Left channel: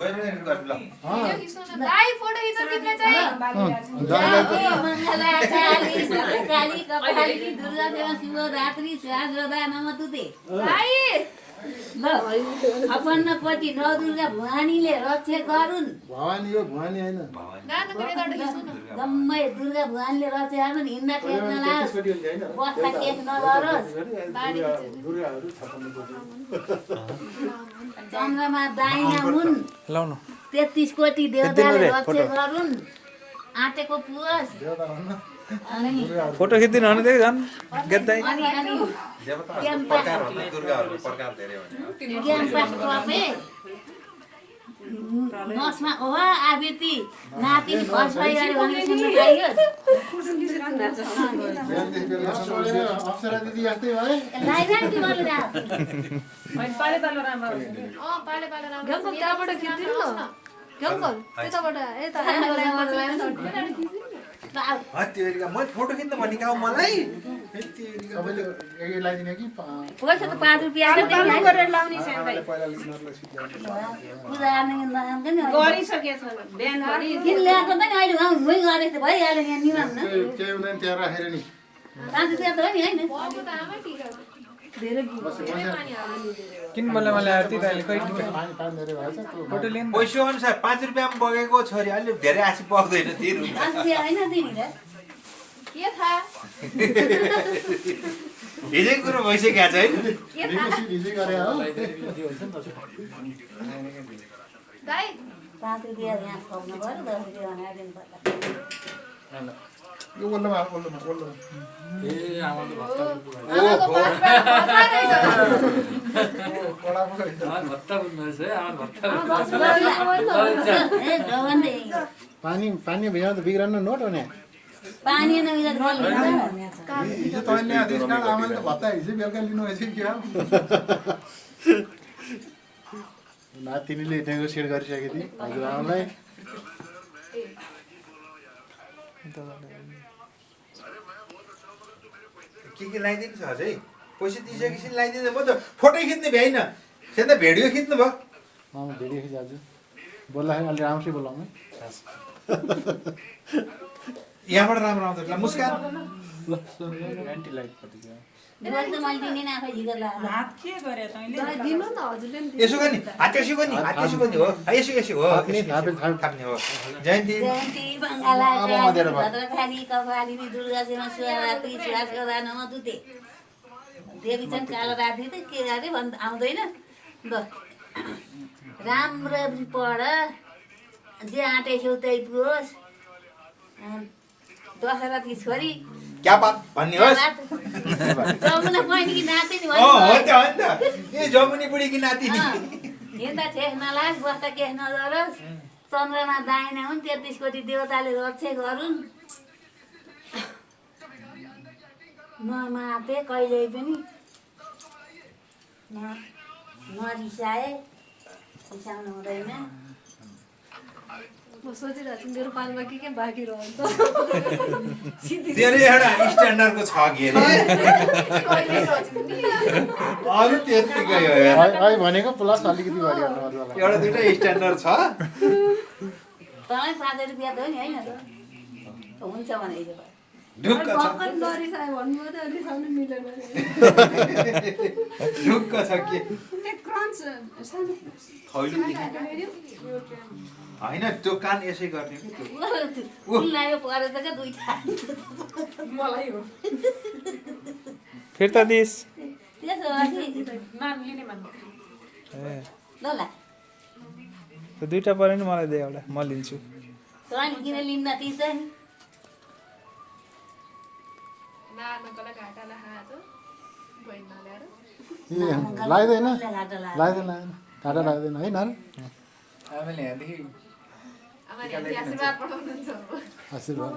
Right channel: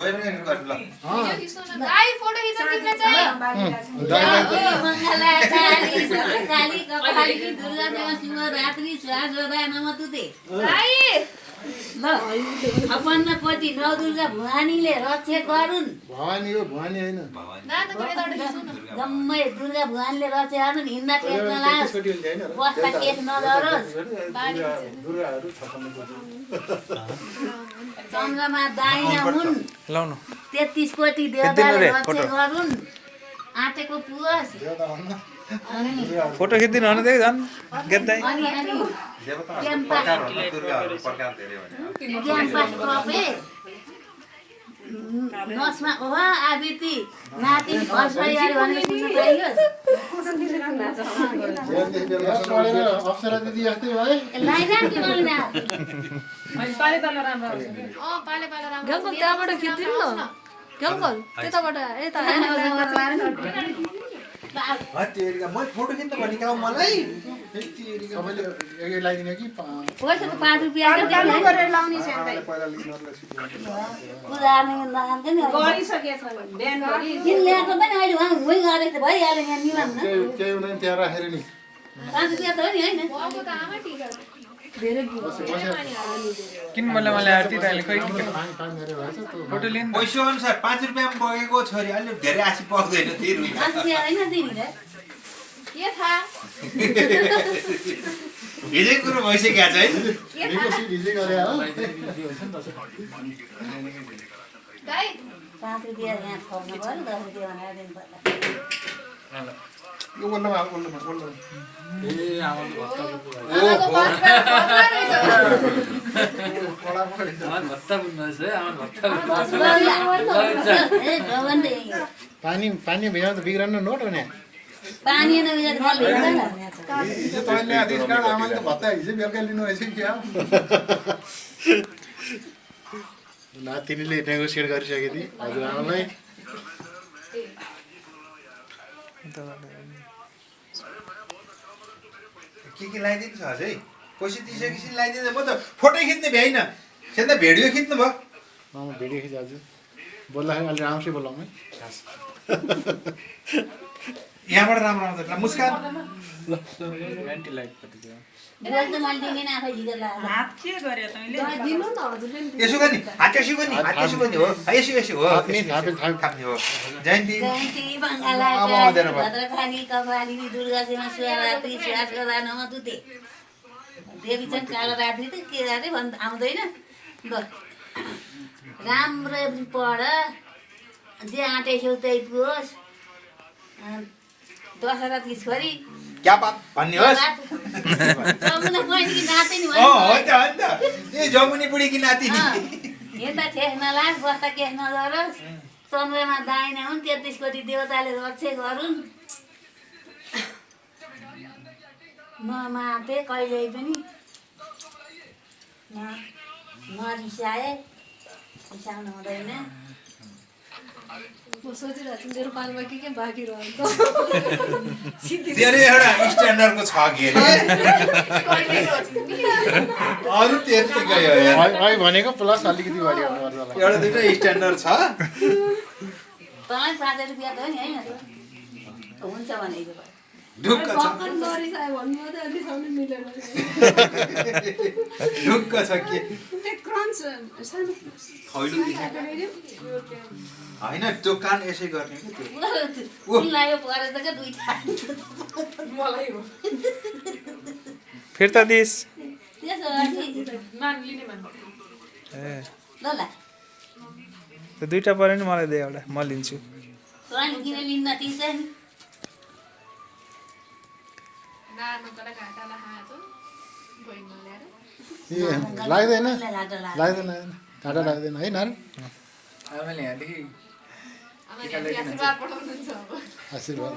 भाइ फोटो खिच्न तिमीले चाहिँ मङ्गला काली काली कपाली दुर्गा देवा शिव रात्रि स्वागता नमतुते भाइ ल अपन्न पति नौ दुर्गा भवानीले रक्षा गरुन् भवानी हो भवानी हैन नाना को यताबाट खिच्नु न जम्मै दुर्गा भवानीले रक्षा गरुन् हिँड्दा टेक्न लाओस् बस्दा टेक नगरोस् बारी दुर्गाहरु छपन्न चन्द्रमा दाहिना हुन् लाउनु 33 कोटी देवताले रक्षा गरुन् आँटेको पुगोस् अनि फोटो खिच्दिनु भने चाहिँ झन् गेद्दै अनि क्याम्पस टपे नसमा ओह आबिती नाति फस भइहाल्यो भने सुन्नु पाइयो अप्सरा दिदी जस्तै भए लाइराख्नु मैले रा पाले पाले राम्रो गम्बल त्यहाँबाट खिच्दिनु न गम्बल त्यताबाट यता मैले फोटो खिच्नु भने गाउँ मलाई सबैले एक लगाइदिने कि पैसा त 5 रुपैयाँ त दिनु गरेर लाउने छ भाइ पहिला लिनरलाई सिकाउने पूजा नै नआउँदैन नि गरिसकेछ बिहान गरी किन ल्याएको त नि अहिले उहाँ हुँइ गरेछ भइहाल्यो यहाँ निमान न केही हुँदैन त्यहाँ राखेर नि 5 रुपैयाँ त हो नि हैन बाबु त आमा टिकट धेरै किन मलाई आर्ती अहिले खै पानी पानी धेरै भएछ त्यो फोटो लिनु पैसा अनुसार 5 रुपियाँमा बगेको छोरी अलि धेरै आसी पर्दैन तिर मान्छे हैन दिनी रे के थाहा हिजै कुरो भइसक्यो छ है हिजै गरे हो भाइ 5 रुपैयाँ यहाँ खुवाउनु पर्यो 10 रुपैयाँ भनेर दिनु पर्ला यो वल्लमा आमाको पासबाट ए जवानले पानी पानी भित्र त बिग्रन्न नोट हो नि पानी न बिजा गल लिन्छ हिजो तैँले आदेश कार्ड आमाले त भत्ता हिजो बेलुका लिनु भएछ कि क्या नातिनीले नेगोसिएट गरिसकेको थिएँ हजुरआमालाई के लगाइदिनु छ अझै पैसा दिइसकेपछि लगाइदिनु म त फोटो खिच्ने भ्याइन त्यहाँ त भिडियो खिच्नु भयो मामा भिडियो खिचाल्छु बोल्दाखेरि अलि राम्रै बोलाउँ है यहाँबाट राम्रो आउँदैन ल मुस्कान एन्टी लाइट पतिको बोल्छ मैले दिने न आफै हिजो ला दिनु न हजुरले नि यसो गर्ने हात यसो गर्ने हात यसो गर्ने हो यसो यसो हो थाप्ने हो जयन्ती जयन्ती बङ्गाला भद्रकाली कपालिनी दुर्गा सेना शिवरात्रि स्वागता नमतुते देवी चाहिँ कालो रात्रि त के रात्रि भन् आउँदैन ल राम्ररी पढ जे आँटेछौ त्यही पुगोस् दशरथी छोरी क्या बात भन्ने होस् जमुना बहिनी कि नाति नि हो त ए जमुनी बुढी कि नाति हिँड्दा ठेस नलाग बस्दा केस नगरोस् चन्द्रमा दाहिना हुन् 33 कोटी देवताले रक्षा गरून् नमाते कहिल्यै पनि नरिसाए रिसाउनु हुँदैन म सोचिरहेको छु मेरो पालमा के बाँकी रहन्छ तेरो एउटा स्ट्यान्डर्डको छ के अरे अरू त्यतिकै हो यार अहिले भनेको प्लस अलिकति बढी गर्नु पर्छ होला एउटा दुइटा स्ट्यान्डर्ड छ तँलाई 5 रुपैयाँ त हो नि होइन हुन्छ भने ढुक्क छ भर्खर नरिसायो भन्नुभयो त अहिले साउन्ड मिलेन ढुक्क छ के क्रन्च सानो खैलो होइन त्यो कान यसै गर्ने कि त्यो लाग्यो परे त क्या दुईटा मलाई हो फिर्ता दिस त्यसो भए नान लिने भन्नु ए ल ल त्यो दुईटा पऱ्यो नि मलाई दे एउटा म लिन्छु तँलाई किन लिन्न तिर्छ नि नानकोलाई घाटालाई हातो बहिनी नल्याएर लाग्दैन घाटा लाग्यो लाग्दैन काँटा लाग्दैन है नानु आमाले यहाँदेखि आमाले आशीर्वाद पठाउनुहुन्छ आशीर्वाद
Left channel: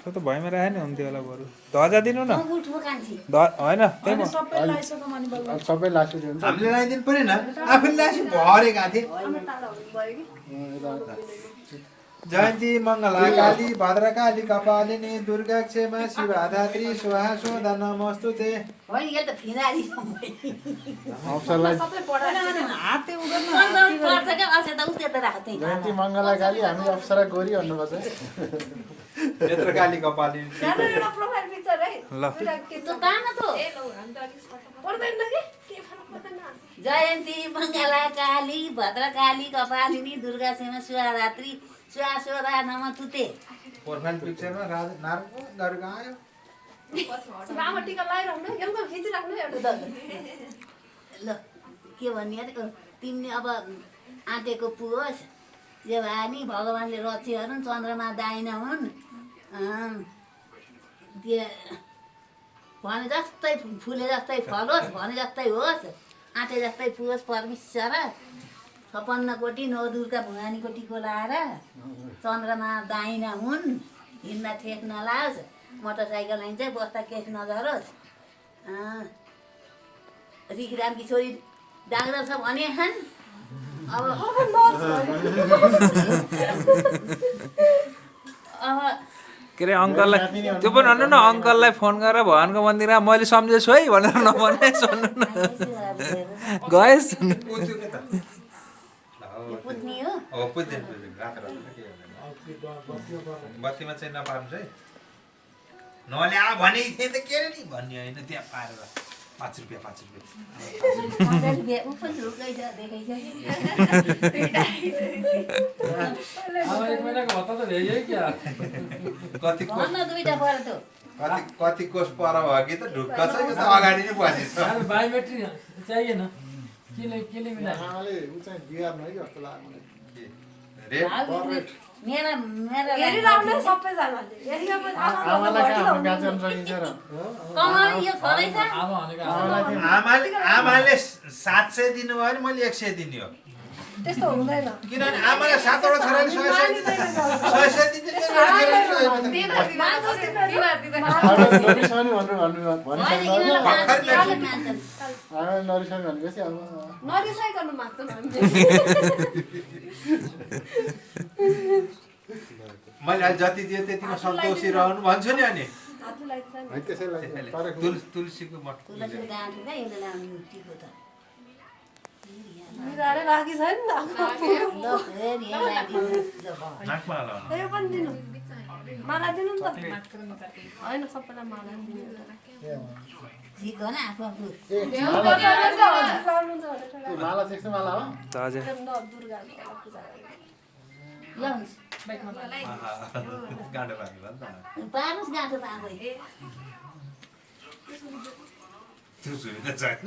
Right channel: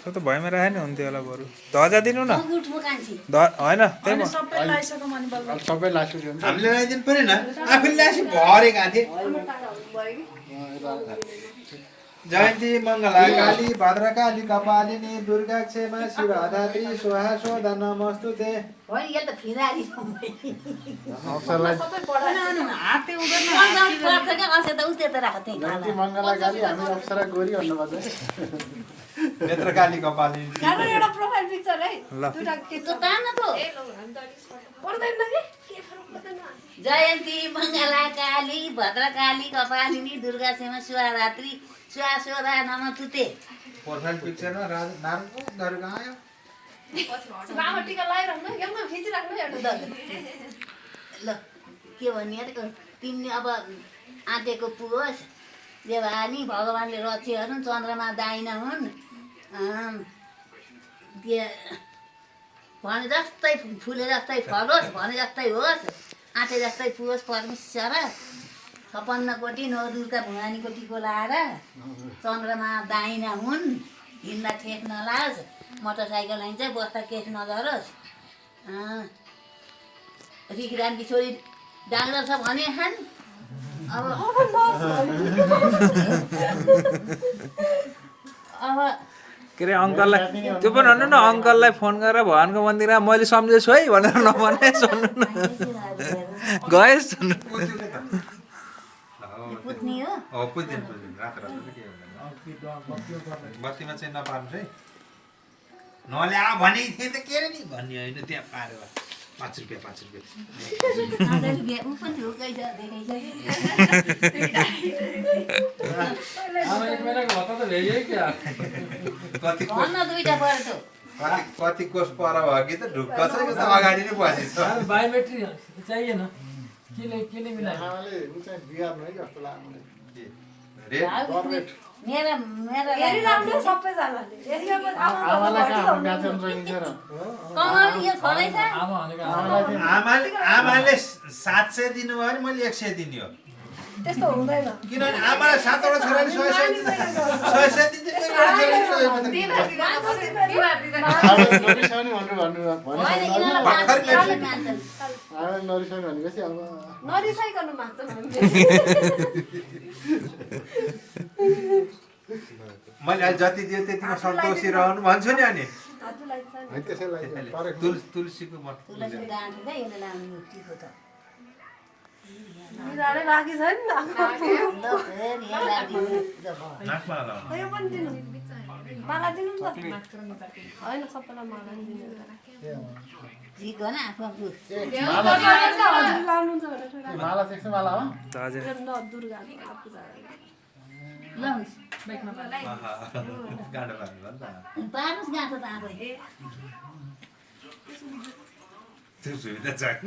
त्यो त भयमा राखे नि हुन्थ्यो होला बरु ध्वजा दिनु न उठ्नु कान्छी होइन त्यही म सबै लास्टो दिन्छ हामीले लगाइदिनु परेन आफूले लासी भरे गएको थिएँ जयन्ती मङ्गला काली भद्रकाली कपालिनी दुर्गा क्षेमा शिवधात्री स्वाहा स्वधा नमस्तुते। होइन यसले त फिनाली अवसरलाई सबै पढाएको पर्छ क्या असे त उस्तै त राख त्यही जयन्ती मङ्गला काली हामी अप्सरा गोरी भन्नुपर्छ नेत्रकाली कपालिनी राम्रो एउटा प्रोफाइल पिक्चर है ल। दुईटा के त्यो काम न त ए लौ हामी त अलिक स्पष्ट पर्दैन कि के फरक पर्दैन जयन्ती मङ्गला काली भद्रकाली कपालिनी दुर्गा सीमा शिवरात्रि स्वास्वरा नमस्तुते। प्रोफाइल पिक्चरमा नारायण गरेको आयो। लामो टिका लगाइराख्नु एउटा खिचिराख्नु एउटा ल के भन्ने अरे तिमीले अब आँटेको पुगोस् देवानी भगवान्ले रक्षा गरून् चन्द्रमा दाहिना हुन् भने जस्तै फुले जस्तै फलोस् भने जस्तै होस् आँटे जस्तै पुगोस् परमेश्वर 56 कोटी नौ दुर्गा भवानीको टिको लाएर चन्द्रमा दाहिना हुन् हिँड्दा ठेक नलाओस् मोटरसाइकल हिँड्छ बस्दा केस नझरोस् रिखरामकी छोरी डाक्टर छ भने खान् अब के अरे अङ्कललाई त्यो पनि भन्नु न अङ्कललाई फोन गरेर भगवान्को मन्दिरमा मैले सम्झेछु है भनेर नभने सुन्नु न गएँ सुन्नु पुत्नी हो हो पुज्दैन रात रात के बत्तीमा चाहिँ नपार्नु है नले आ भनेको थिएँ त के नि भन्ने होइन त्यहाँ पारेर 5 रुपियाँ 5 रुपियाँ ऊ पनि ढुक्कै छ देखाइ कति कोष भन्न दुईटा पऱ्यो कति कोष पर भयो कि त ढुक्क छ कि त अगाडि नै बसेछ बायोमेट्रिक चाहिएन केले मिला उहाँले ऊ चाहिँ बिहार नै जस्तो लाग्यो मलाई। रे मेरो हेरिराख्नु सबैजनाले हेरिरहेपछि आमालाई आमा कहाँ आफ्नो ब्याचन सकिन्छ र कमाउने यो छोरै छ आमा भनेको आमाले 700 दिनुभयो भने मैले 100 दिने हो त्यस्तो हुँदैन किनभने आमालाई 7 वटा छोराले 100 दिन्छ नरिसाउने भनेर आमाले नरिसाउने भनेपछि अब नरिसाइकन माग्छ मैले अहिले जति दियो त्यतिमा सन्तोषी रहनु भन्छु नि अनि हातलाई चाहिँ है त्यसैलाई तर तुलसीको मठ तुलसीको गाँठी त यसले लाउने टिको त बिरारै बाँकी छ नि ल फेरि यहाँ राखिदिनु। नाकमा लगाउनु यो पनि दिनु माला दिनु नि त होइन सबैलाई माला नि दिनु झिक हो न आफ्नो आफ्नो हजुर लाउनुहुन्छ माला सेक्स माला हो हजुर दुर्गाको पूजा ल हुन्छ गाडो पार्नु भयो नि त पार्नुहोस् गाँठो त आफै त्यो सुविधा छैन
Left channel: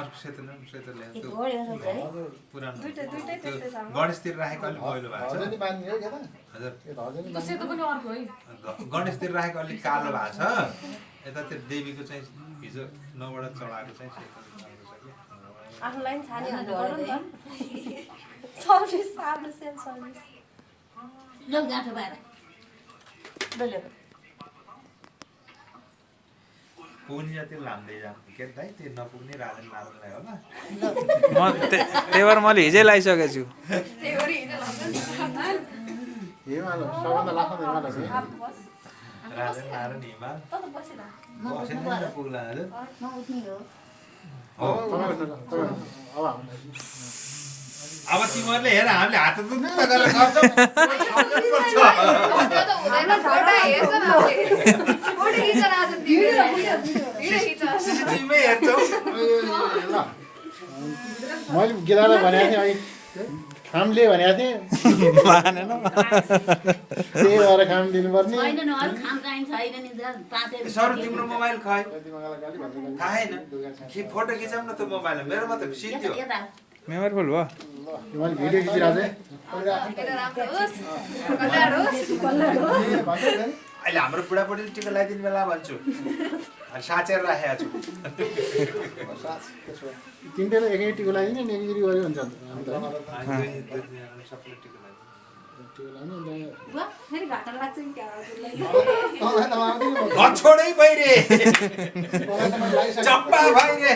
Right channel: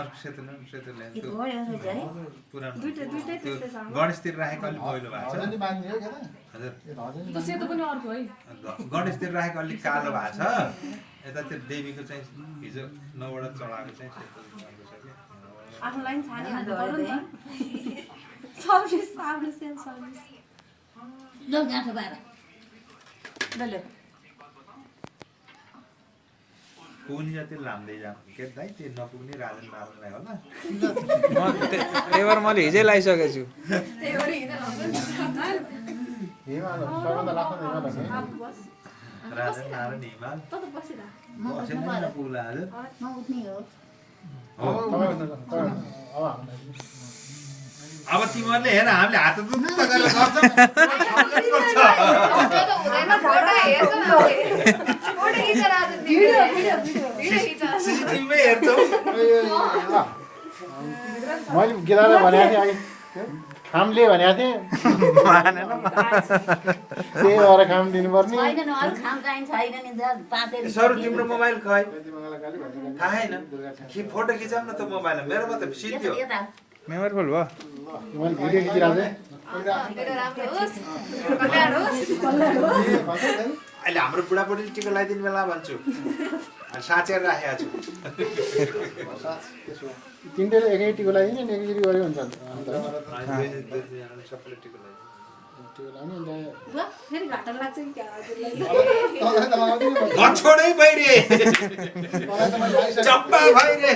अर्को सेतो ल्याउनु एक हो यो सोच है पुरानो दुईटै त्यस्तै छ गणेशतिर राखेको अलिक पहिलो भएको छ हजनी बाँध्ने हो क्या हजुर यो हजनी गणेशतिर राखेको अलिक कालो भएको छ यता त्यो देवीको चाहिँ हिजो 9 वटा चढाएको चाहिँ सेतो राम्रो छ कि आफूलाई पनि छाडी हाल्नु पर्यो नि त सर्भिस आफ्नो सेल्फ सर्भिस ल गाँठो पाएर ल पुग्ने जति लाम्दै जाम के दाइ त्यो नपुग्ने राजन नारायणलाई होला म त्यही भएर मैले हिजै लगाइसकेको छु त्यही गरी हिँड्न लाग्छ नि यो माला सबभन्दा लास्ट माला हो आफू बस राजन नारायण हिमाल त बसिरह म उठ्नु कसैले पर्यो नपुग्ला हजुर म उठ्ने हो हो अब हामीलाई अब तिमीहरूले हेर हामीले हात दुख्न गरेर गर्छौँ सिसिटिभीमै हेर्छौँ मैले गिलालाई भनेको थिएँ अघि खामले भनेको थिएँ त्यही भएर खाम दिनुपर्ने छैन नि अरू खाम काहीँ छैन नि पाँचै सर तिम्रो मोबाइल खै मङ्गला काली भद्रकाली खाएन फोटो खिचाउँ न त मोबाइलमा मेरोमा त सिद्धि हो यता मेमोरी फुल भयो मैले भिडियो खिचिरहेको मेरो राम्रो होस् कल्याण होस् थिएँ अहिले हाम्रो बुढाबुढीले टिका लगाइदिने बेला भन्छु अनि साँचेर राखेको छु तिनटैले एकै टिको लगाइदिने नि एकचोटि गऱ्यो हुन्छ सबैले टिका लगाइदिनु बुवा, फेरि घाटा लाग्छ कि क्या हजुरलाई? तँलाई त आउँदैन नि। छोडै भइरे तँलाई त मैले लाइसकेको चप्पा भइरे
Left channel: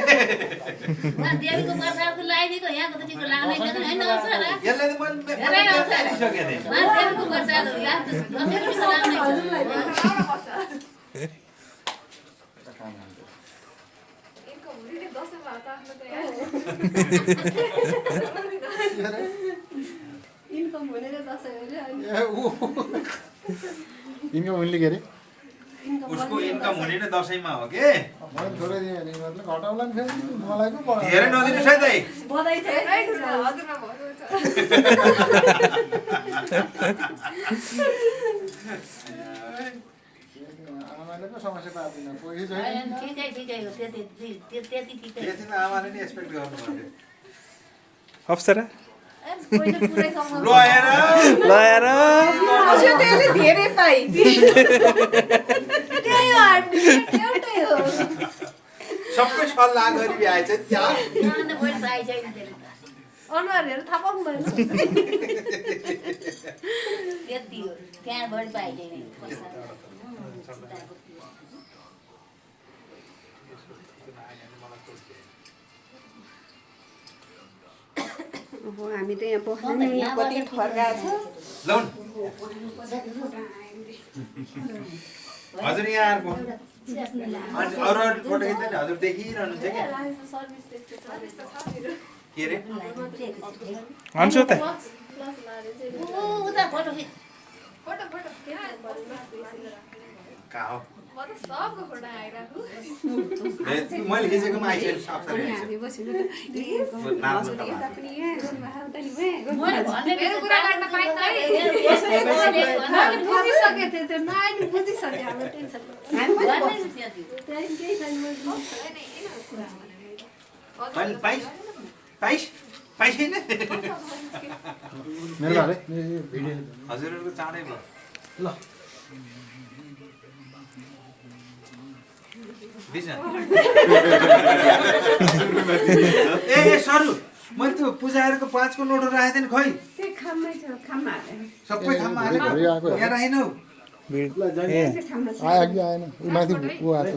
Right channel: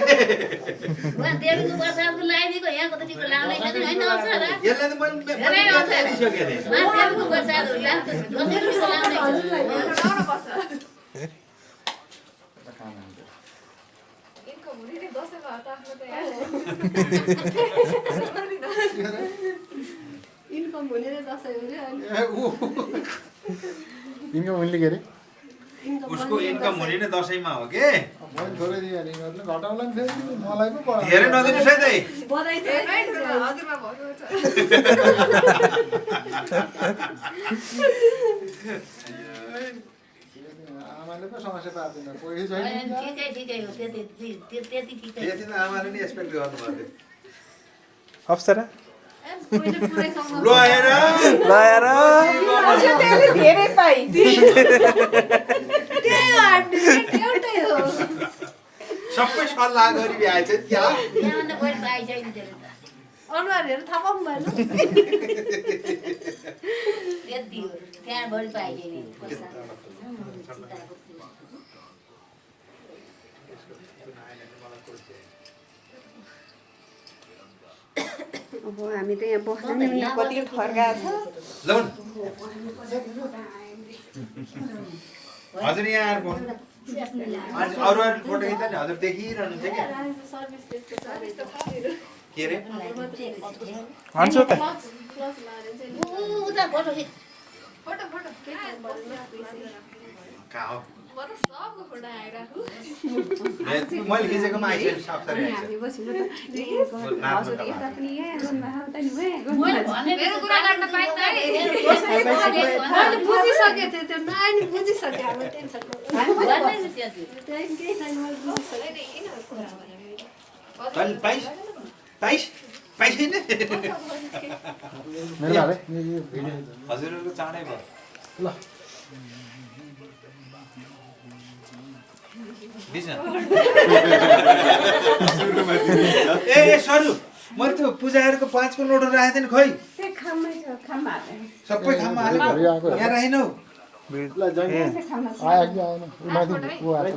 उहाँ देवीको बर्षाको लगाइदिएको यहाँको त ठिक लाग्दैन होइन आउँछ होला यसले त मैले हालिसकेको थिएँ उहाँ देवीको बर्षाको लाग्छ हजुरलाई यिनको भोलिले दसैँमा हो त आफ्नो त यहाँ। इन्कम हुने र दसैँ हुने अनि ए ऊ यिनको उनले के अरे उसको इन्कम हुने नै दसैँमा हो के मैले थोरै दिएँ अरे यिनीहरूले घटाउला नि फेरि मलाई पो पढायो धेरै नदिनुहोस् है दाइ बधाई छ है। हजुरमा भन्नु छ। आमाले पो समस्या पार्दैन पैसा छैन ठिकै ठिकै हो त्यति ठिकै त्यति त आमाले नि एक्सपेक्ट गर्नु पर्थ्यो अप्सरा पहिले पुरै कमाउनु ल हेर लगाएर धेरै पाइ त्यही हो आन्टी एउटै हो सबै सल्लाह गरी भ्याएछ क्या त्यहाँभन्दा बढी पाइसक्यो नि अनुहारहरू थाहा पाउनु भएन त्यति हो त्यहाँ बढी पाइसक्यो अब हामी त यहाँ बस्दैन यहाँ कति फर्का छ ल हजुर यहाँ आएर बस्नु अनि अरू फोटो खिच्दा नि हजुर देखिरहनुहुन्छ क्या सर्भिस त्यस्तो छ त्यस्तो छ मेरो। के अरे भन्छु त प्लस लाएर चाहिँ उता फोटो खिच फोटो फोटो कहाँ कहाँ हो म त सबको फोटो आइरहेको। मैले खिचेकोमा आइसकेको सक्छ हामी बस्नु त हजुर यता पनि यहाँ गर्नुभएको त नि मैले भन्ने मेरो कुरा गर्न पाइन्छ है। मैले बुझिसकेँ त्यो नानी बुझिसकेँ हाम्रो टेन्सन त्यही केही छैन मैले बुझिसकेँ अनि पाइस पाइस पाइसैन मेरो भाइ हजुरहरूको चाँडै भयो ल दिन्छ ए सरु मैले त्यो पूजाहरूको 5 को नोटहरू राखेको थिएँ नि खै त्यो खाममै छ खाममा सबै ठाउँमा घरि आएको यहाँ राखिनौ आयो कि आएन ऊ माथि ऊ आएको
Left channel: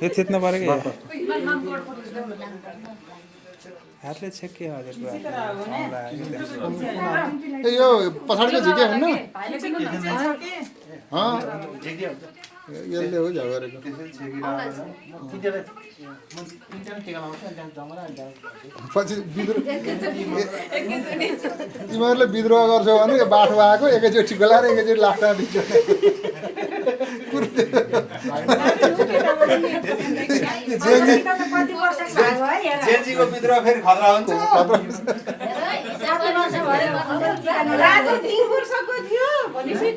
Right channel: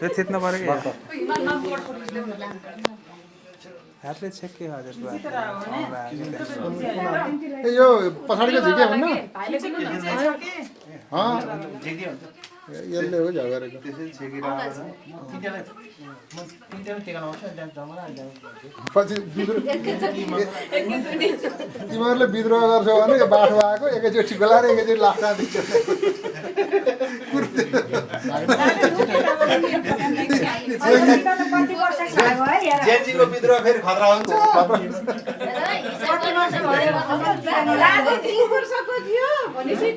त्यो थिच्नु पऱ्यो कि हातले छेके हजुरको ए यो पछाडिको झिके हुन्न यसले हो झगरेको पछि तिमीहरूले विद्रोह गर्छौ भने यो बाटो आएको एकैचोटि गोलाएर एकैचोटि लाग्छ दिन्छ जेन्जीको विद्रोह फेरि खतरा हुन्छ वर्षको थियो भनेपछि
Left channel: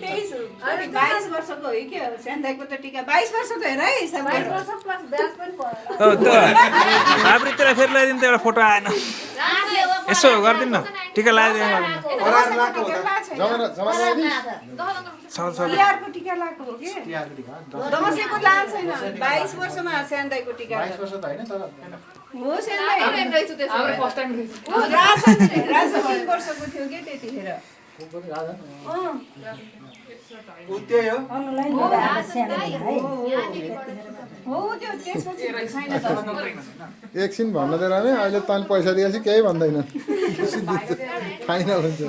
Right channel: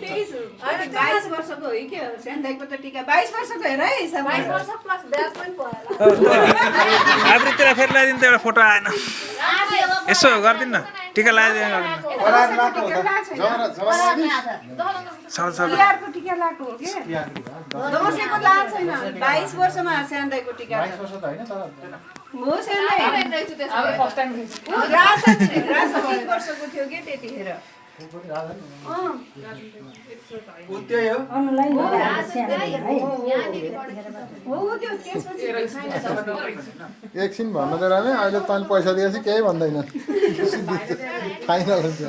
22 वर्षको हो कि सेन्दाईको त टिका 22 वर्षको हेर है 22 वर्ष प्लस ब्याज पनि आद्रितिर फेरि लगाइदिनु त एउटा फोटो आएन यसो गरिदिनु न टिका लगाइदिनु तिहारको टिका लगाएको हो कि दसैँको लगाएको छैन 22 वर्षमा सेन्दाईको टिका हो सेन्दाई हाम्रो फर्स्ट टाइम राजा 3 वर्षको थियो कि त्यतिखेर त्यही हो हो त्यो त्यसपछि एकछिन भन्नु त रामे अहिले तैँले पैसा दिएपछि केही भन्दैन फाइनल हुन्छ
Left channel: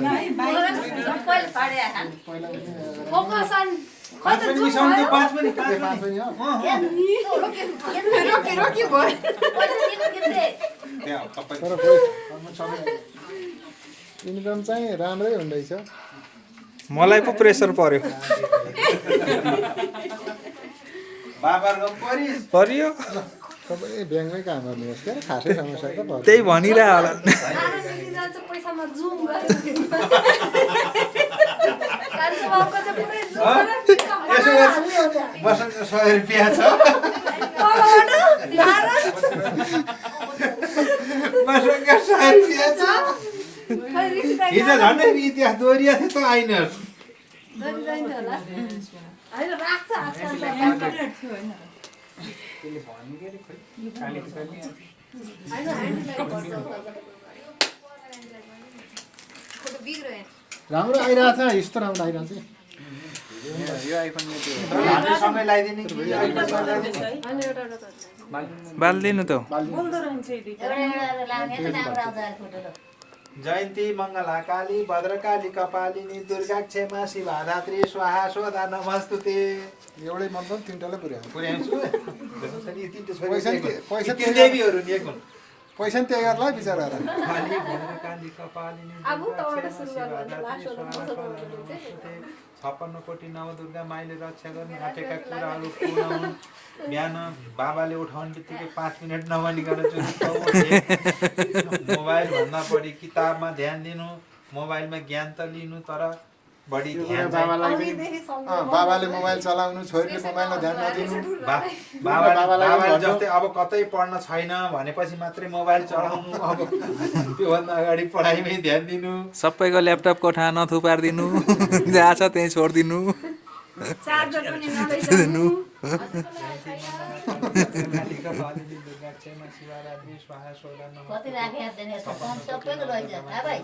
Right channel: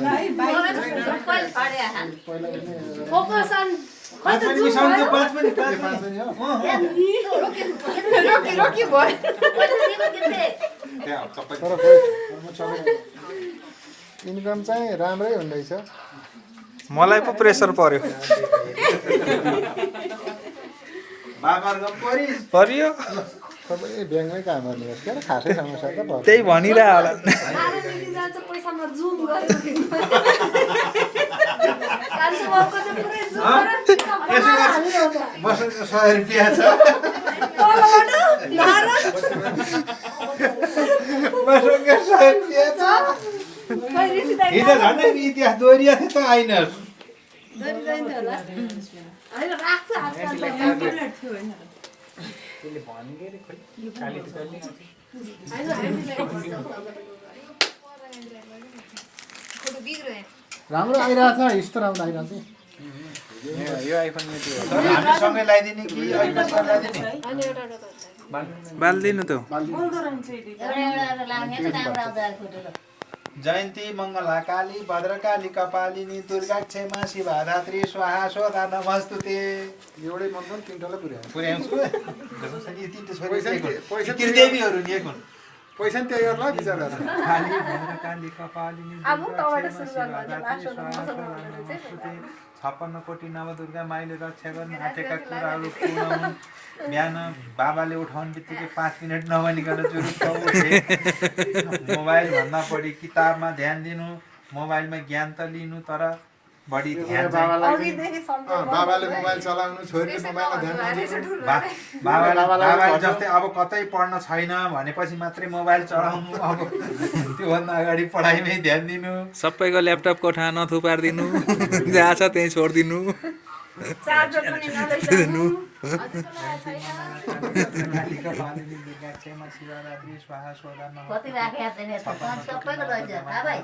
फोकसन खै त पनि सन्ति 5 पनि 5 पनि हो रोकी भयो त्यहाँ सबै तर इन्कम चाहिँ राम्रै हुँदैछ मलाई पो प्रेसर पर्यो बाबरगम परिस पर्यो सबै ब्याङ्कमै काम गर्ने हो क्या खासै समस्या त पर्छ त्यही भनिरह होला पैसामा जुम गरेको कान्छो बाबुको चाहिँ पुरै जुम बसन्तको 100 रुपैयाँ छ बसन्तको 100 रुपैयाँ छ हिजो झन्डै इतिहास दोहोरिएको थियो त आइनस् होइन राख्छ आजकल त थियो होइन बिग्रो यहाँ राम्रो आइरहेको छ यस्तो राम्रो आइरहेको छ यो आइफोन यति हो तर हामी सँगै लगाइदिने कि अहिले लगाइदिने बाल्दिनु त बोल्दो रहन्छ यी दुईटा। एउटा लाग्ने त राम्रो आउँछ अरे फोटो ल। जयन्ती मङ्गला काली भद्रकाली कपालिनी दुर्गा क्षेमा शिवाधात्री स्वाहा स्वधा नमस्तुते एउटै मन पनि तिनवटालाई पुर्यायो पुर्याउँछु यी तिनवटा छोरी पैसा ती देवीहरू नि एक हुन् पैसा नि त्यही गर्ला बिचराहरू काली भद्रकाली कपालिनी अब दुर्गा तबाट क्षेमा सुरु गर्नु शिवाधात्री लास्ट स्वाहा स्वधा नमस्तुते 56 कोटी नवदुर्गा माइले रक्षा गर्न आँटेका कुराहरू पूर्ण हुन् बिहान बाबाले उठाउने बित्तिकै 5 मिनट नभनिकन मोबाइल भन्दा बढी किताबमा ध्यान दिनु मोबाइलमा ज्ञान त लिनु तर बढी ध्यान चाहिँ बाबाले मोबाइल चलाउनु छोरीले मोबाइलमा ध्यान नदिनु बाबाले जस्तै अब कतै पढ्न छैन भनेपछि मात्रै मोबाइल चलाउनु अब त्योभन्दा अगाडि पढाइमै ध्यान दिनु सबैको ल्यापटप कोठा नथुपारिदिनु जहाँ छ त्यहीँ छोडिदिनु चार्जर पनि नलैजानु। कति राखेको छैन यस्तो फोन सबैको लैजान्छ हा भाइ।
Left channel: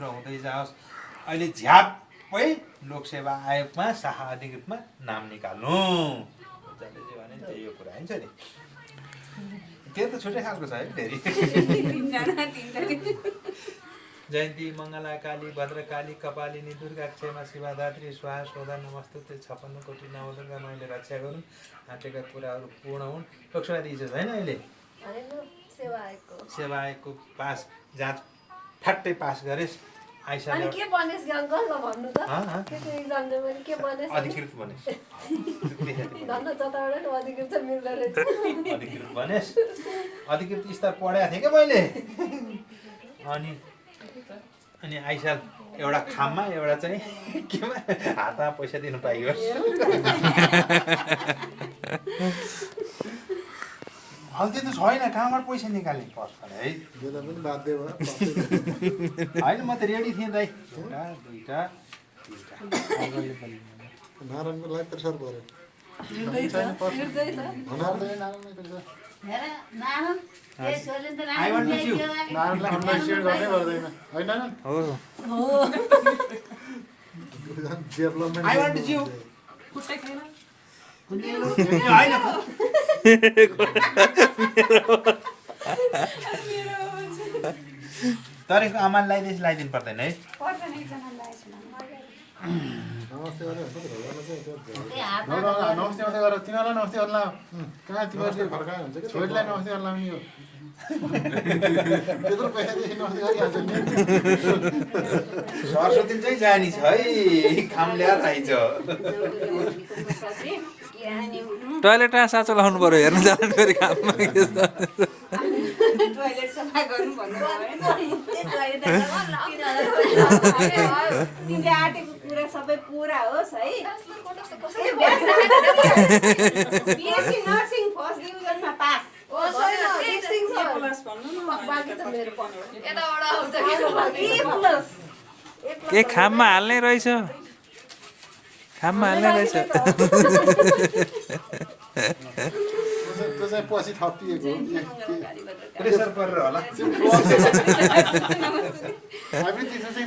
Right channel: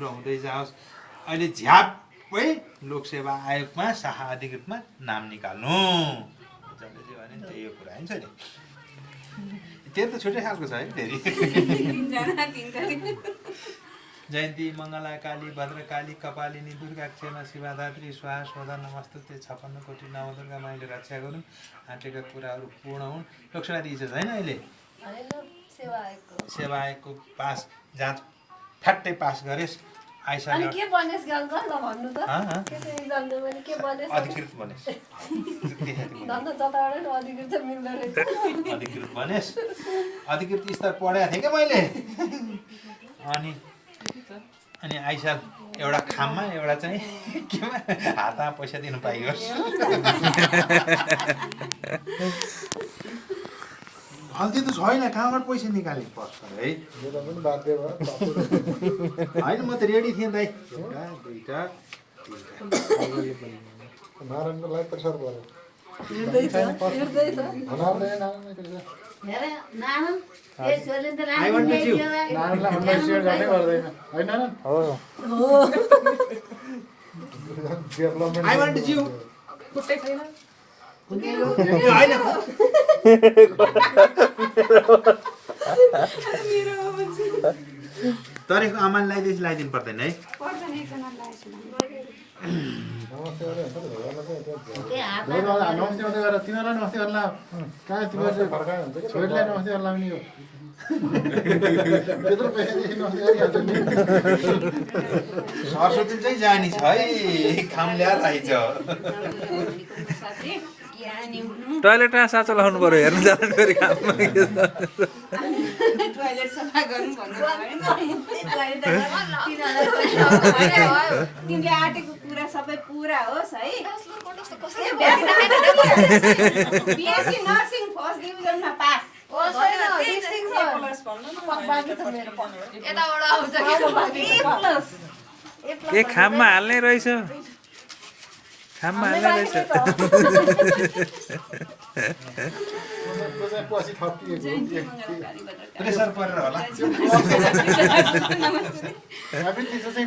हुँदै जाओस् अहिले झ्यापै लोकसेवा आयोगमा शाखा अधिकृतमा नाम निकाल्नु जसले जे भने त्यही हो कुरा हुन्छ नि त्यो त छुट्टै खालको छ है फेरि जयन्ती मङ्गला काली भद्रकाली कपालिनी दुर्गा क्षेमा शिवाधात्री स्वाहा स्वधा नमस्तुते 56 कोटी नवदुर्गा माइले रक्षा गरून् आँटेका कुराहरू पूर्ण हुन् लोकसेवा दिइछ छैन अहिले सेवा आयोगको पास जाँच ठ्याट्टै पास गरेस् आइसक्यो के बनेस् अङ्कल भन्नु त के एक्जाम दियो भने के बनेस् अधिकृत बनेस् धन्न जताबाट अधिकृत चाहिँ मिल्दो रहेछ अधिकृत बनेस् अधिकृत स्तर पढाएको थिएँ क्या मैले अनि आइसाल एउटा खाममा एउटा चाहिँ केमा हातमा पैसा दिनु पाइयोस् हल्दी त छैन कहाँबाट पैसा निकाल्नु पर्छ है यसलाई पनि बाध्य भयो होइन म त रेडी थिएँ दाइ एउटा दुईटा तिनटा नारायणको लागि प्रेसर पऱ्यो हेर नारायण ए छोरीले त I want to राम्रो chew. नारायणलाई अन्डरस्ट्यान्ड गर्नै पर्दैन होइन हो development I want to chew. खुट्टै छैन। होइन तरेको आमाले लगाइदिनु पर्दैन है पर्दैन एकजना लगाएछु नमस्ते गरेर त्यही हातमा नमस्ते मात्रै गरेर तिनीहरूलाई नमस्ते गर्ला कहाँ तिमीहरूले भर्कायो हुन्छ कि छोरीलाई नमस्ते गर्ला पनि यो त्यत्रो पैसादेखि नमस्ते गरिहाल्छ नि सरस्वती चाहिँ जानी छ है खाम ल्याएर आइज टोइलेट साँचो लाउनु पर्यो हेर्नु जानु फेरि काममा टोइलेट सफा गर्नु भन्नुभयो होइन तिमीले आँटेको कुरा सबै पुरा होस् है। बिएससी नर्सिङ फर्स्ट डिभिजनमा पास। ए खाममा हाल्ने रहेछ खाममा हाल्ने रहेछ त्यो चाहिँ पछि थपिएको प्रेसर परेर होला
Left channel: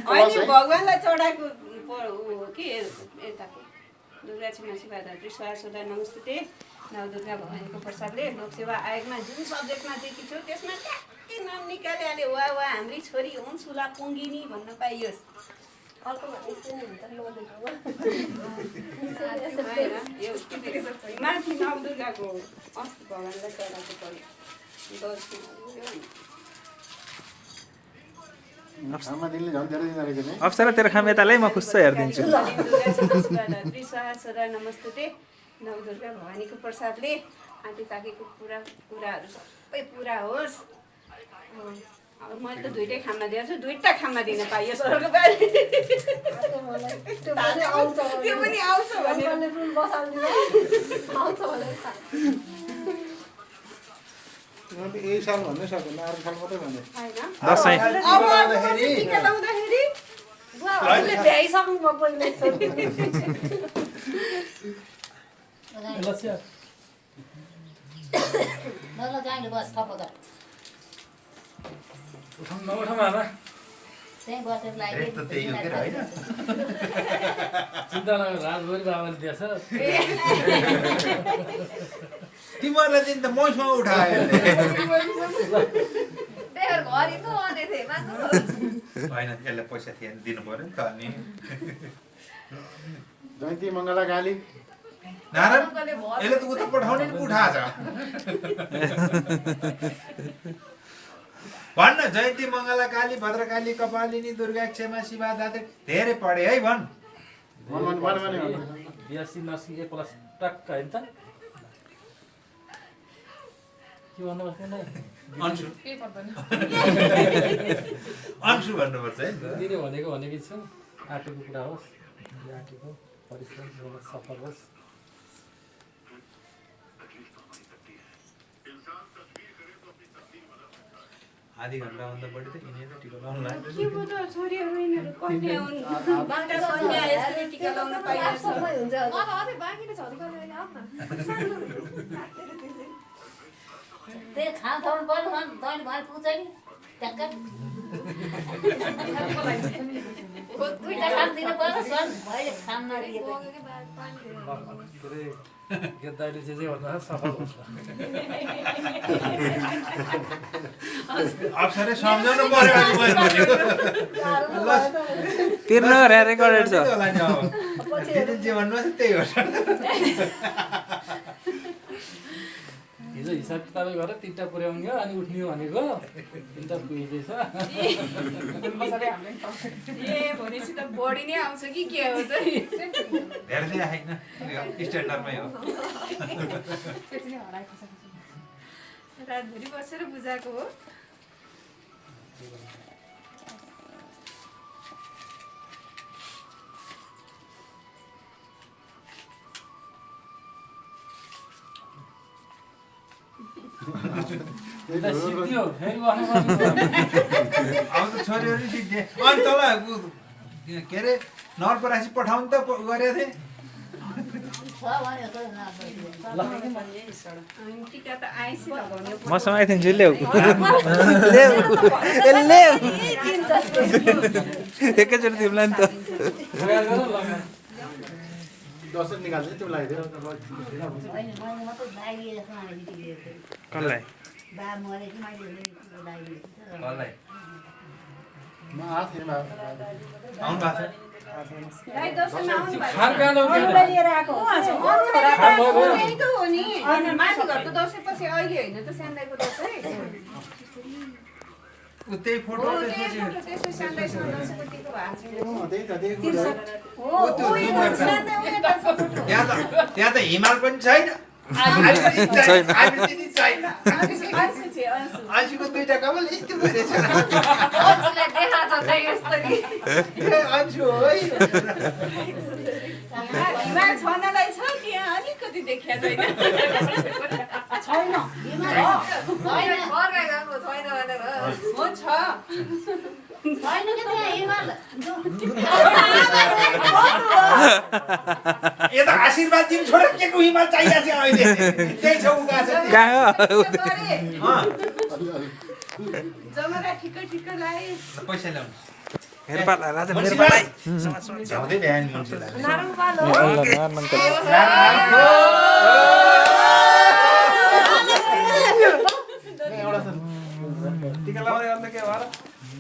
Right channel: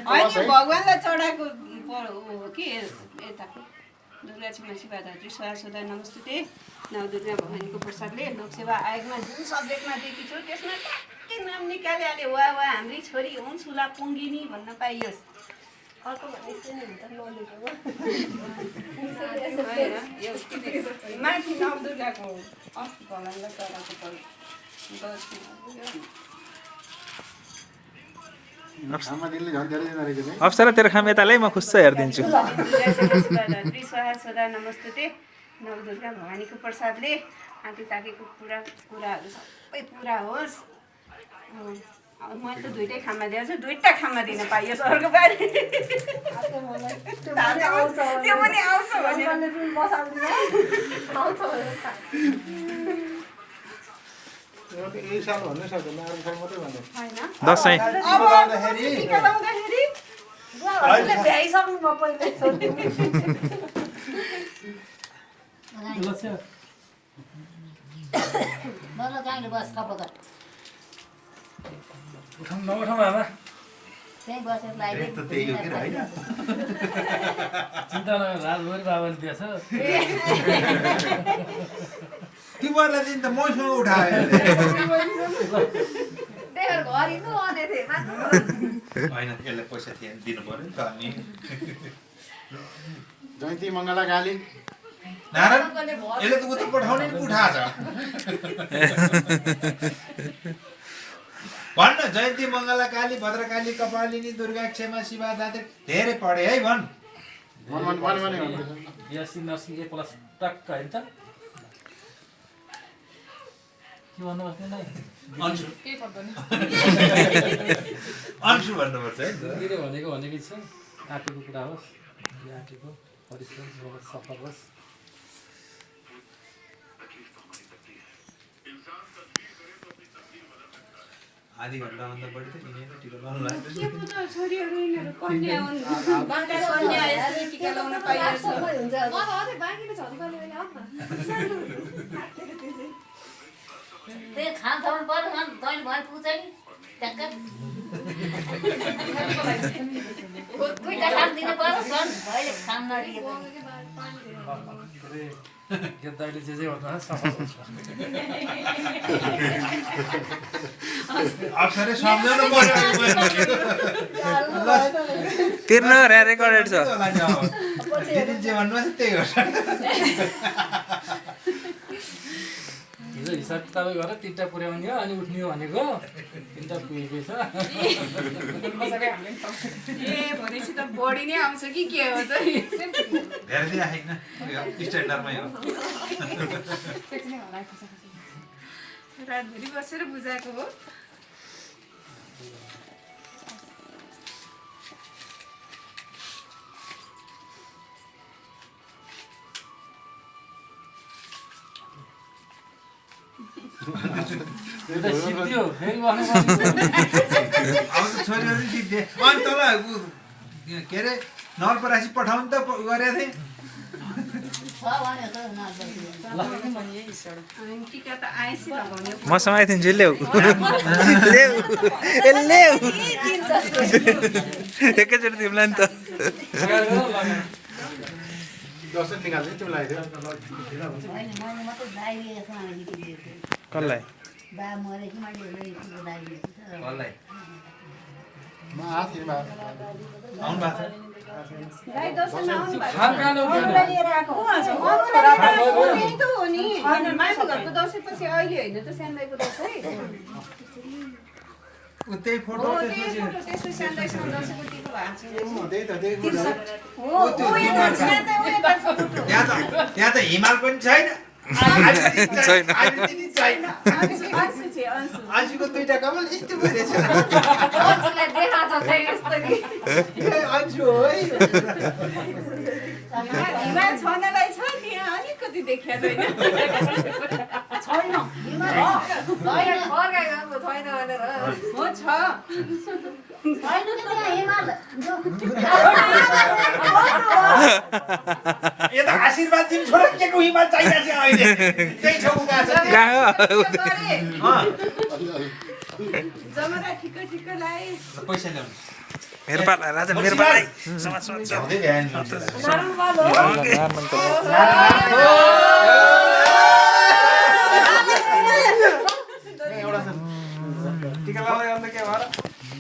होइन भगवान्लाई चढाएको हो कि यताको दुर्गा छिमा शिवाधात्री स्वाहा स्वधा नमस्तुते नवदुर्गा भवानीको प्रसादले लोकसेवा आयोगमा जुन सब्जेक्टमा दिएकी छु त्यसमा ट्याक्कै नाम निकालिहाले वा हाम्री छोरी हुन् सुला पुङ्गिनी भन्न पाइयोस्। अर्को भनेपछि नि हुन्छ नदेको माथि नवदुर्गाको अस्ति भगवान्लाई चढाएको पऱ्यो खाममा दिनले झन् धेरै दिँदो रहेछ नि अप्सरा तेरो खाम यतालै म खुस्स हेरिदिन्छु स्वाहा स्वधा नमस्तुते नवदुर्गा भवानीको प्रसादले आँटी ताकेको कुराहरू सबै पुरा होस्। अब मैले त दुइटै खाममा दिएको छु दुइटा खाममा दिन पाइयोस् अर्को पालि त्यो पनि आउँछ भनेर यही साल भन्नै सक्दैन अरू साल मात्रै भन्ने दसैँ टिका लाउँदाखेरि भ्याइसक्नु भयो पहिले ल जाने बस थप गर नउठाउँ आमा त्यहीँ बसेर लागि रेट त त्यही हो के होइन चिन्ता नगर राजभरि बाबाले दिएछ तिमीहरूलाई चाहिँ त मैसँग उठायो त्यही भएर घर हिँड्नु आउने थिएँ मान्नु होइन यसलाई पैसा थिएन दिनु पर्यो नि त अनि जयन्ती मङ्गला काली नारायण यसले त उता पठाउने नि उठा छ भन्न जयन्ती मङ्गला काली भद्रकाली कपालिनी दुर्गा क्षमा शिवा दाते धेरै पढे है भन् बिएससी नर्सिङ ए प्लस टक्क होइन त के भन्नुभएको थिएन अन्सु अन्सु भन्नुपर्छ है दिदीले भनेकै छ आँटेको कुरा होस् आँटेको परिश्रम सफल होस् आधी घन्टाभन्दा बढी त यिनीहरू टिका लाउनु लाग्छ के पुत्र छोरीहरू यिनीहरू कन्या हुन् बाँका कन्या यसरी टिका लाउन पाइरहेछ म त अझै बाँकी नै छ नि कहिले बेला आऊ न त्यही खान थाउनु पर्यो तैँले भने पुग्छ नि ट्याक्क दुईवटा काम दिनु पर्यो सर भइले काम नलिएको के अरे गेद्दाडी जे भन्दा सफल हुन्छ अप्सरै सम्झाउनु पर्यो तिर्न रेकर्डेड छ जे भन्नुहोस् त्यही गर्छ हिजो हिसाब किताबै गरेर 3टा पुर्याउने हो अनि उठ्ने हो भनेको 3टा पुगेकै छ ए भनेपछि त बढी नै आउँछ कि के हो त धेरै चाहिँ आएन स्ट्यान्डर्डमै हो रातभरि बसेर बुझाएको हो सिद्धि हो फेरि भन्नु अब त छोरीहरू सिक्थे अनि तल के अरे नरपरासी पठाउनु त गरेको थिएँ अनि टिका त आएछ भन्यो मसँग आइथिन्छु ल्याऊ ल्याऊ ल्याऊ एकैचोटि तिमीलाई नि त दसैँ निकाल्छ तिमीलाई कसलाई बा मरे कि मैले लगाइदिएको कसलाई म आफैमा आउनु भएको छ गाई दर्शनमा आउनु भएको खान कहाँ लाउने लिएर आएको हो त्यही त हो नि माथि घरको दसैँपछि अहिले होइन त स्यान्दाईको दसैँ त्यही फोटो हो त्यही फोटो त्यसो स्यान्दाईको दसैँको टिको भएको त्यही त हो स्यान्दाई उयो फोटो त्यहाँ त हिमाल पनि छैन छैन। अंशुको 2टा कमल यस्तो गरेछ अन्सुलाई देखाएको छ त्यही यस्तो नि अंशु हो है हिमाल छनलाई छ त्यहाँ अलिकति देखिया छैन छैन होइन फर्काइ गएको छैन भनेर हो छ छैन त त्यहाँ हिमाल यता आशीर्वाद दिनु छोरा के को हिमाल चाहिएको छ अहिले त्यही छ उगा छ कहाँ हो जमरा ठिक्क ठिक्क लाए पैसा ल्याउनु मेरो पाला राजा मेरो पाला झ्याउँदै भ्याएन मान्छेलाई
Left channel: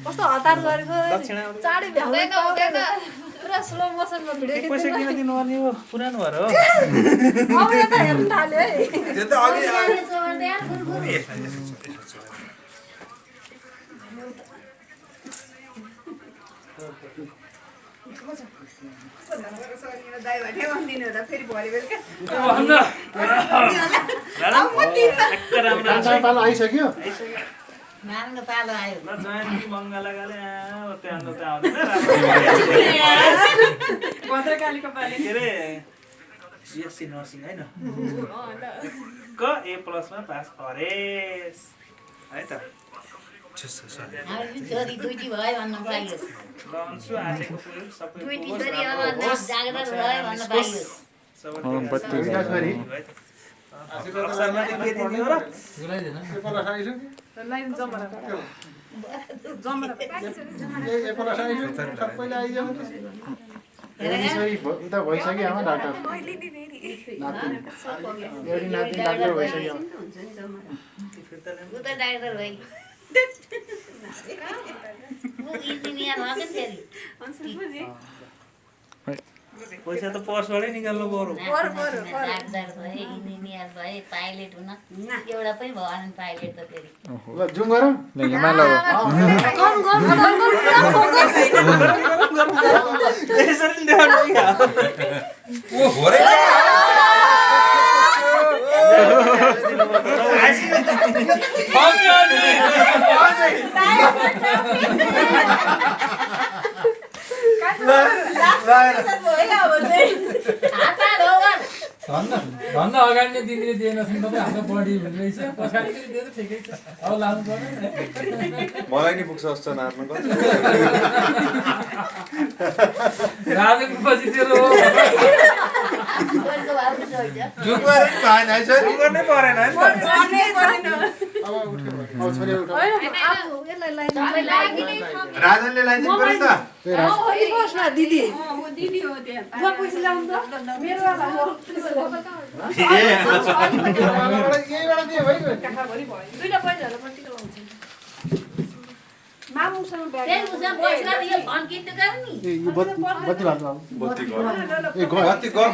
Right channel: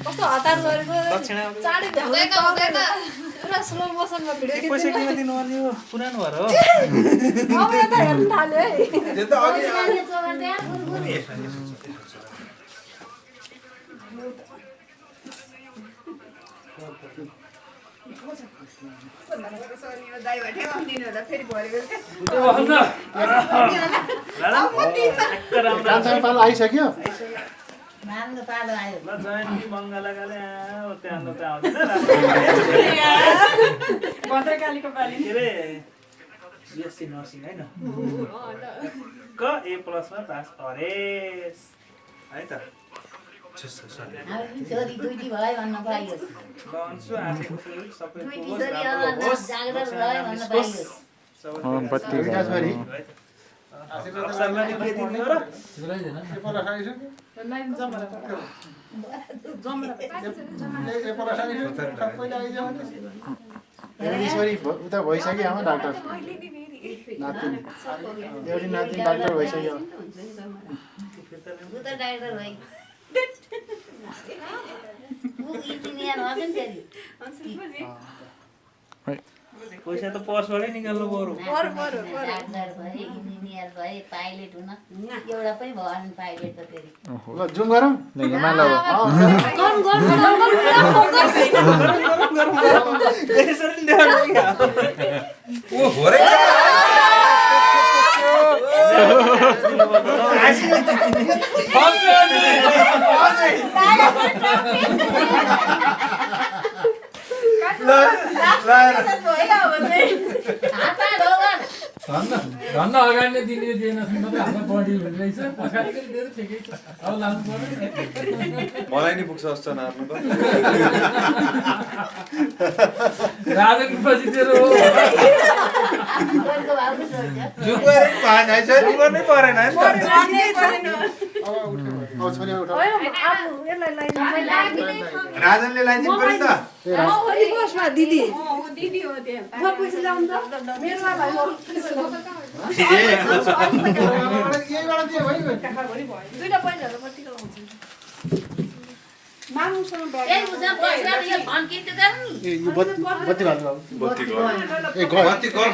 कस्तो हतार गरेको चाँडै भ्याउँदैन हुँदैन पुरा स्लो मोसनमा भिडियो खिच्नु पुरानो भएर हो अब यता हेर्नु थाल्यो है त्यो त अघि दाइ भटे भन्दिनु होला फेरि भरे बेलुका कान्छा पालो आइसक्यो नारायण पालो आयो भद्रकालीको पाली हाम्रो छोरी दुईटी भयो भन्न पाइयो दुईटी छोरी अब जागरण भयो भन्न पाइयो छोरी अक्सरलाई के दिने हो र पुऱ्याइदिएन नि। एपोला खाइसक्यो लाइन जमरा जमरा एपोला खाइसक्यो सबैले आइजाऊ छोरी उता भइसक्यो आमा डाक्टर नातिनी एउटी नातिनी डाक्टर भइसक्यो उता डाक्टर भाइ इन्जिनियर भयो नि फेरि पैसा त पर्सबाटै निकाल्नु पर्यो डाक्टर भए इन्जिनियर भए पाइलट हुन एउटा पनि भएन पाइलट त फेरि ल जुम गरौँ ल हिमाल अब यसरी नि देखाउनु क्या ओ हो रे भन्दा अगाडि नै दिने दिएन त हाम्रो बडी भनिरहेछ पछाडि पनि दिएर ठिकै छ अब लानु पर्दैन मलाई नि पुग्छ जस्तो नाच्नु राजन पछि तेरो जुगुएर नि भएन है सर गर्नै परेन नि त अब छोरी उठाऊ आफू यसलाई लाइन राजनले लगाइदिनु पर्यो नि त दिदी ऊ दिदी हो त्यहाँ पैसा ल्याउनु त मेरो वाला हो यहीबाट दियो है दुईटा बहिनीहरू पट्टिको हुन्छ मामुसँग ब्याग ए उसँग बसेर यो फन्किट गर्नु नि ए यो बत्ती भाल्नु बत्ती ए बत्ती गयो